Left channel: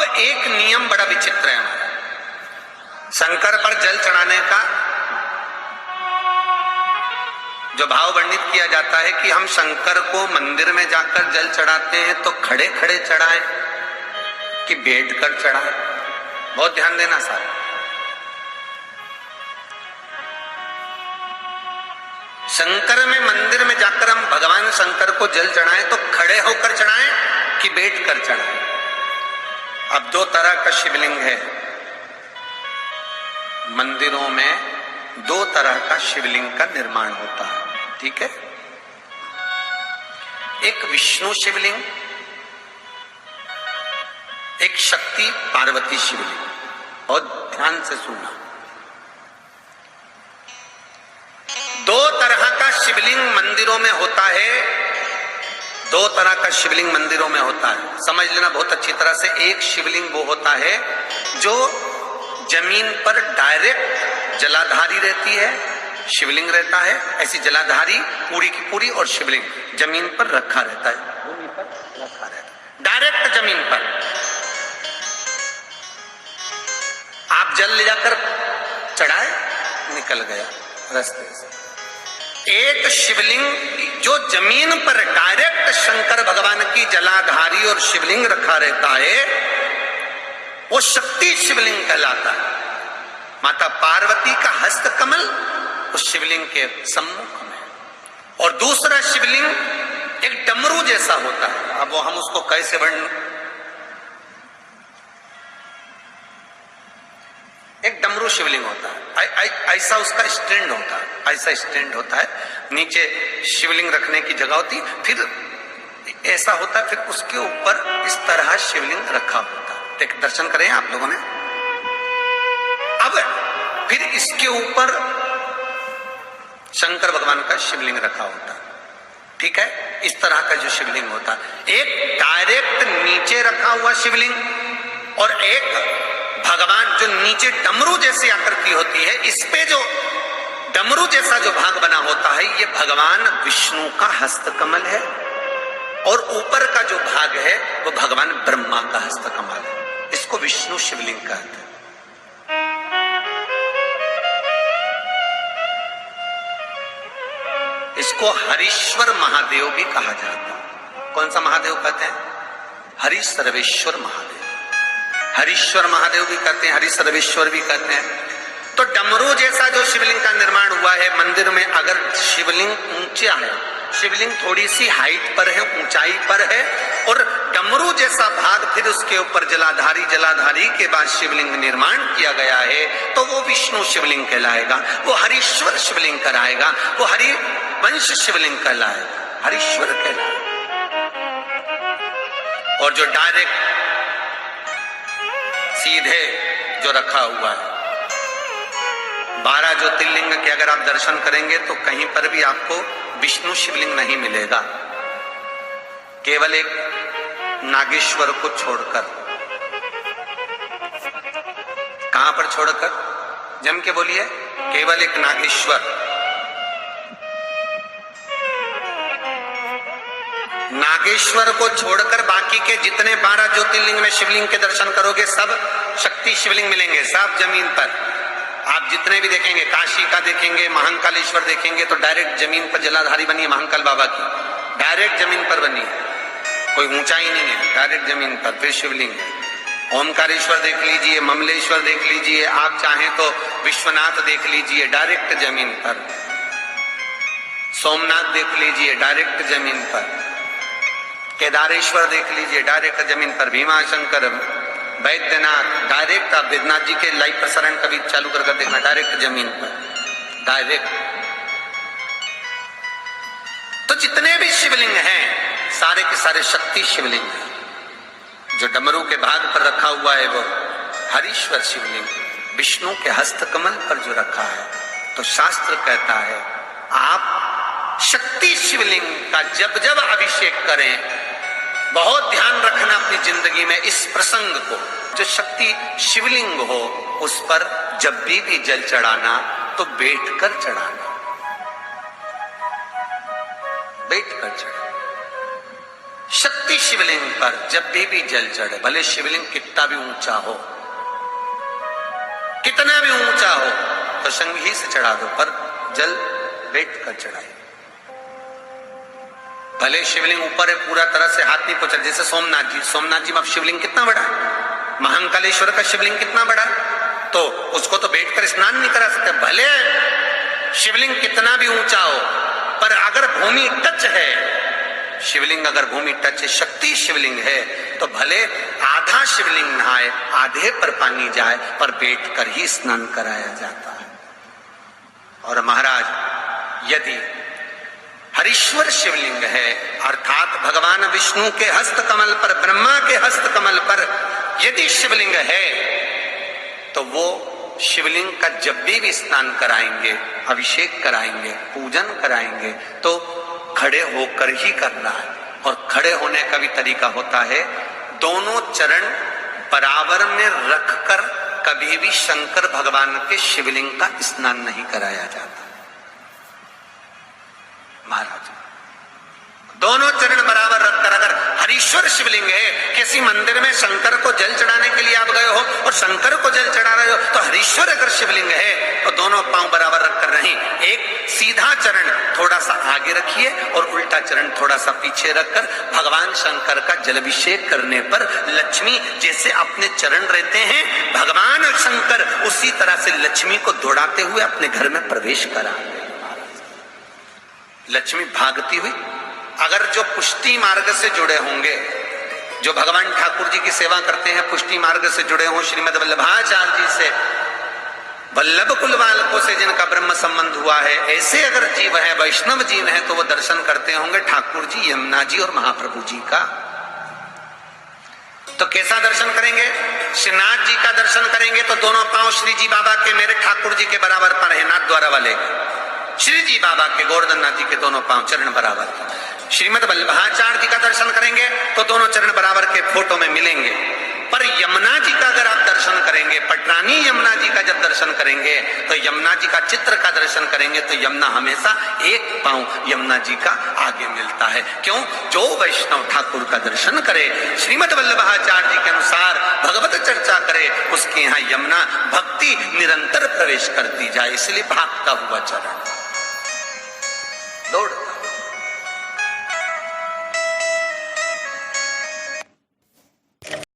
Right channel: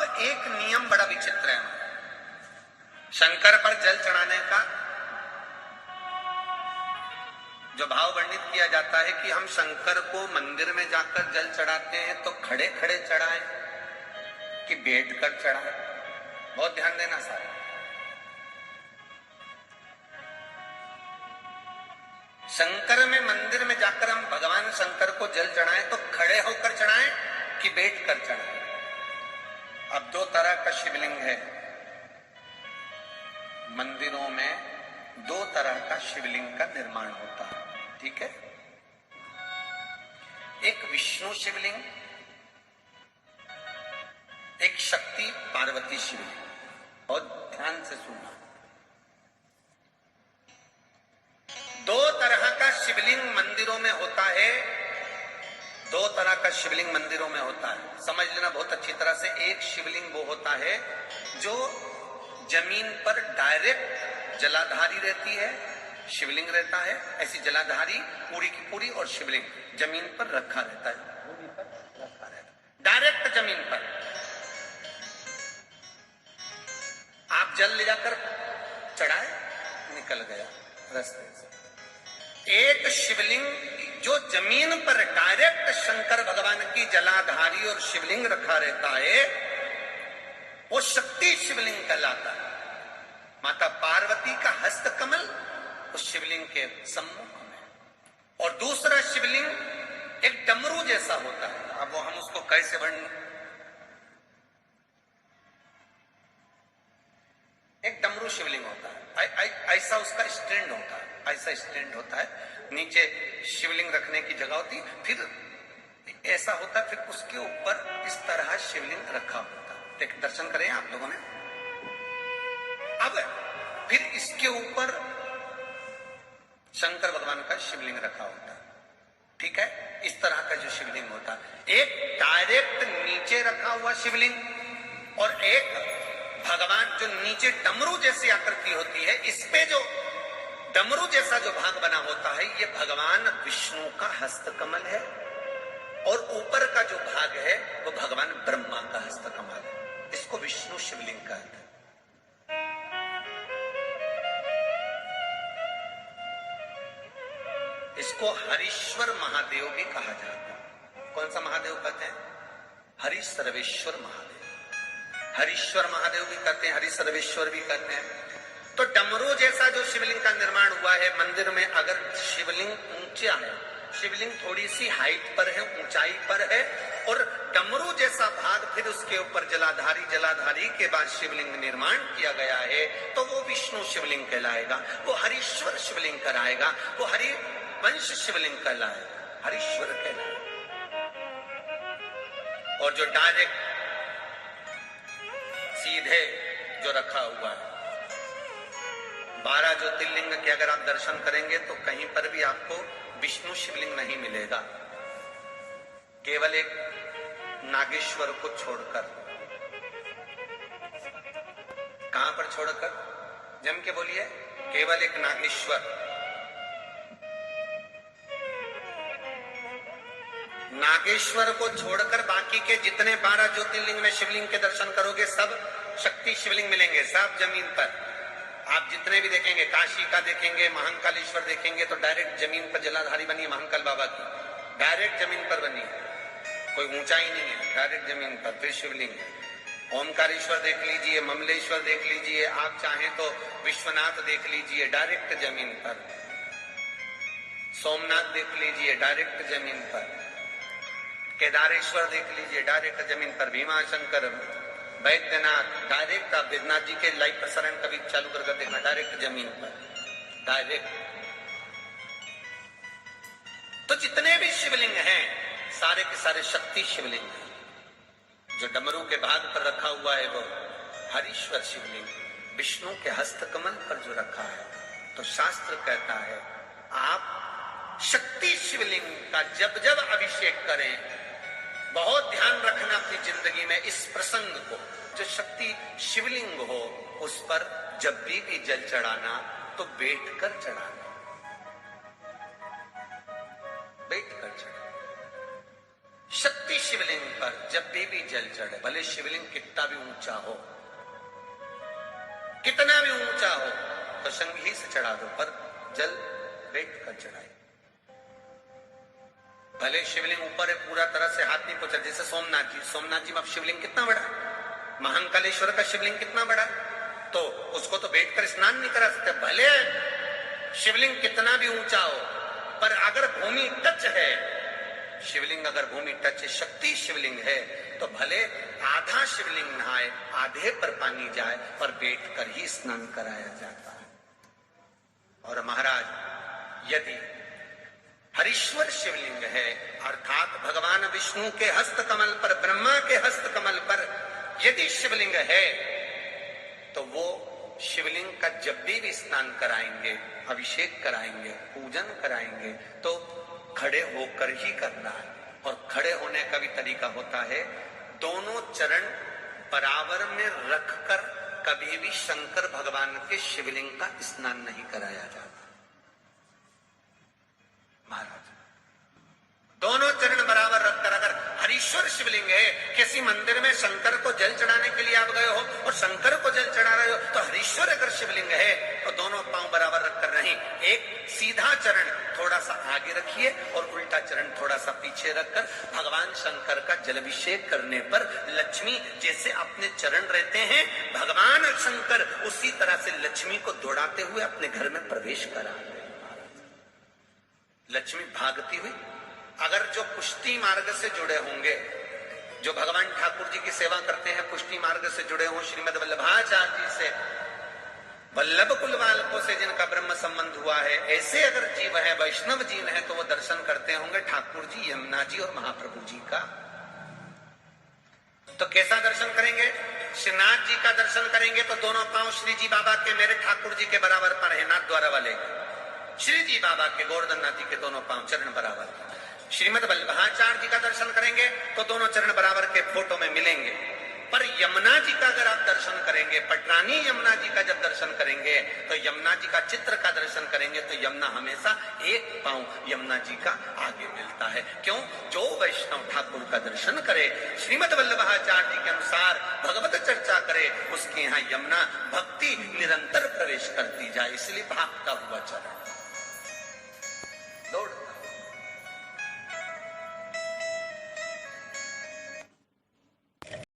अब एक नियम बड़ा विचित्र है हमारा, शंकर पर जल चढ़ाने का जो भाव वर्णित किया जाता है कि हम शंकर को मंदिर में जाकर जल चढ़ाते हैं तो खड़े खड़े चढ़ाएं कि बैठकर चढ़ाएं। बहुत ध्यान देना साहब। शंकर में मंदिर में जाकर हम भगवान शंकर को जल चढ़ाएं तो खड़े होकर चढ़ाएं कि बैठकर चढ़ाएं। अब दो तरह का शिवलिंग है मंदिरों में, दो तरह का शिवलिंग का निर्माण होता है, ठीक है। एक विष्णु शिवलिंग, एक शक्ति पार्वती शिवलिंग। बहुत ध्यान से सुनना। दो तरह का शिवलिंग मंदिरों में होता है, दो तरह का शिवलिंग मंदिरों में होता है, समझ लेना बहुत अच्छी तरह से। एक शिवलिंग वो होता है जो जमीन पर डायरेक्ट जलाधारी रहती है, शिवलिंग रहता है, ऐसी जलाधारी पूरी की पूरी, और शिवलिंग जमीन पर रखा रहता है, भूमि पर रखा रहता है, डायरेक्ट जमीन पर। आप जल ले जाकर चढ़ाए, निकल गया रास्ते से। एक शिवलिंग जो जमीन पर डायरेक्ट शंकर भगवान की जलाधारी और शिवलिंग रखा रहता है वो शक्ति शिवलिंग कहलाता है। माता पार्वती का हस्त कमल उस शिवलिंग के सम्मुख में, और दूसरा शिवलिंग एक डमरू जैसा होता है। अब वो हम उसको कैसे वर्णन, एक डमरू शिवलिंग होता है, ऐसा उसका स्टैंड होता है, ऐसा स्टैंड होता है, नीचे शिवलिंग रखने की जगह होती, फिर ऐसा होता है, फिर उसके ऊपर इस तरह शिवलिंग रखा होता है। एक दर्शन करें आप लोगों ने। अब फिर इसके ऊपर शंकर भगवान का शिवलिंग रखा होता है, ठीक है। इस तरह का जो शिवलिंग होता है, एक डायरेक्ट नीचे रखा हुआ शिवलिंग और एक भगवान जो नीचे डमरू जैसी आकृति होती है, इस पे जो डमरू जैसा जो भाग बना होता है ये भगवान विष्णु का हस्तकमल है, और ऊपर का जो भाग है वो भगवान ब्रह्मा का हस्तकमल है। इसको विष्णु शिवलिंग कहते हैं। इसको हरीश्वर महादेव भी कहा जाता है। कौन सा महादेव कहते हैं? हरि सर्वेश्वर महादेव। हरीश्वर महादेव भी कहते हैं, हरि सर्वेश्वर भी कहते हैं। तो डमरू जैसा जो शिवलिंग का निर्माण हुआ है मंदिर में, अगर शिवलिंग ऊंचा है, शिवलिंग थोड़ी सी हाइट पर है, ऊंचाई पर है, और डमरू जैसा भाग फिर उसके ऊपर जलाधारी के बाद शिवलिंग निर्माण किया गया है, तो वो विष्णु शिवलिंग कहलाएगा, वो हरीश्वर शिवलिंग कहलाएगा, वो हरि वंश शिवलिंग कहलाएगा, हरीश्वर कहलाएगा। और जो डायरेक्ट सीधे जो रखा हुआ है, 12 ज्योतिर्लिंग के अगर आप दर्शन करेंगे तो कहीं पर भी आपको विष्णु शिवलिंग नहीं मिलेगा, केवल एक नागेश्वर को छोड़कर। कहां पर छोड़कर? जम के बोलिए, केवल एक नागेश्वर। नागेश्वर को छोड़कर बाकी के जितने 12 ज्योतिर्लिंग में शिवलिंग के दर्शन करोगे सब शक्ति शिवलिंग मिलेंगे, सब जमीन पर। आप जितने भी देखेंगे, काशी का देखेंगे, महाकालेश्वर देखेंगे तो डायरेक्ट जमीन पर जलाधारी बनी है महाकाल बाबा की, डायरेक्ट जमीन पर बनी है, कोई ऊंचाई नहीं है, डायरेक्ट जमीन पर फिर शिवलिंग है। ओमकारेश्वर देख लीजिए, ममलेश्वर देख लीजिए, आप चाहें तो विश्वनाथ देख लीजिए, डायरेक्ट जमीन पर। सोमनाथ देख लीजिए, डायरेक्ट जमीन पर। केदारेश्वर देख लीजिए, डायरेक्ट जमीन पर। भीमाशंकर, वैद्यनाथ, डायरेक्ट। आप वैद्यनाथ जी के लाइव प्रसारण कभी चालू कर देखना, डायरेक्ट जमीन पर, डायरेक्ट। तो जितने भी शिवलिंग हैं सारे के सारे शक्ति शिवलिंग हैं। जो डमरू के भाग पर रखा हुआ है वो हरीश्वर शिवलिंग, विष्णु के हस्तकमल पर जो रखा है, तो शास्त्र कहता है आप शक्ति शिवलिंग का जब जब अभिषेक करें, बहुत ध्यान रखना अपनी जिंदगी में इस प्रसंग को, जो शक्ति शिवलिंग हो उस पर जब भी जल चढ़ाना तो बैठकर चढ़ाना, बैठकर चढ़ाना। शक्ति शिवलिंग पर जब भी जल चढ़े, भले शिवलिंग कितना भी ऊंचा हो, कितना भी ऊंचा हो, तो संगी से चढ़ा दो, पर जल बैठ कर चढ़ाए। भले शिवलिंग ऊपर है, पूरा तरह से हाथ नहीं पहुंचा, जैसे सोमनाथ जी में शिवलिंग कितना बड़ा है, महाकालेश्वर का शिवलिंग कितना बड़ा है, तो उसको तो बैठकर स्नान नहीं करा सकते। भले शिवलिंग कितना भी ऊंचा हो, पर अगर भूमि टच है, शिवलिंग अगर भूमि टच है, शक्ति शिवलिंग है, तो भले आधा शिवलिंग नहाए, आधे पर पानी जाए, पर बैठकर ही स्नान कराया जाता है। और महाराज यदि हरीश्वर शिवलिंग है, अर्थात भगवान विष्णु के हस्त कमल पर, ब्रह्मा के हस्त कमल पर यदि शिवलिंग है, तो वो शिवलिंग का जब भी स्नान कराएंगे, अभिषेक कराएंगे, पूजन कराएंगे, तो खड़े होकर ही करना है। और खड़े होने का भी तरीका होता है, दोनों चरण बराबर में रखकर कभी भी शंकर भगवान के शिवलिंग का स्नान नहीं कराया जाता। महाराज दोनों चरण बराबर रखकर, अगर हरीश्वर शिवलिंग है, किसी मंदिर में शंकर को जल चढ़ाने के लिए आप गए हो और शंकर को जल चढ़ा रहे हो, तो हरीश्वर अगर शिवलिंग है तो दोनों पांव बराबर रखकर नहीं, एक सीधा चरण थोड़ा सा आगे रखिए और उल्टा चरण थोड़ा सा पीछे रखकर भगवान शंकर का जलाभिषेक करने पर लक्ष्मी जैसे अपने चरण रहते हैं, भगवान शंकर उसी तरह से लक्ष्मी को दौड़ाते हुए अपने घर में प्रवेश करा। लक्ष्मी भागती हुई, अगर जो पुष्टि मार्ग से जुड़े होंगे, जो भगवान ठाकुर जी की सेवा करते हैं, पुष्टि मार्ग से जुड़े हों, श्रीमद वल्लभाचार्य जी से, वल्लभ कुल बालकों से जिनका ब्रह्म संबंध हुआ है, ऐसे अगर जीव है, वैष्णव जीव है, तो वो दर्शन करते होंगे ठाकुर जी, यमुना जी और महाप्रभु जी का। तो कैसा दर्शन करेंगे? श्रीनाथ जी का दर्शन करेंगे तो दोनों पांव श्री जी बाबा के, मेरे ठाकुर जी के बराबर पर है, नाथ द्वारा वाले श्री जी बाबा के, गोवर्धन नाथ जी के दोनों पांव चरण बराबर। श्रीमद वल्लभाचार्य जी का दर्शन करेंगे तो दोनों चरण बराबर के फोटो में मिलेंगे। पर यमुना जी का अगर आप दर्शन करेंगे, पटरानी यमुना जी का जब दर्शन करेंगे, तो यमुना जी का चित्र का दर्शन करेंगे, तो यमुना हमेशा एक पांव यमुना जी का आगे मिलता है। क्यों? जो वैष्णव ठाकुर का दर्शन करे, श्रीमद वल्लभाचार्य जी के अनुसार भगवत चर्चा करे, उसके यहाँ यमुना भक्ति निरंतर प्रवेश करती जाए, इसलिए भागता हुआ चरण, दौड़ता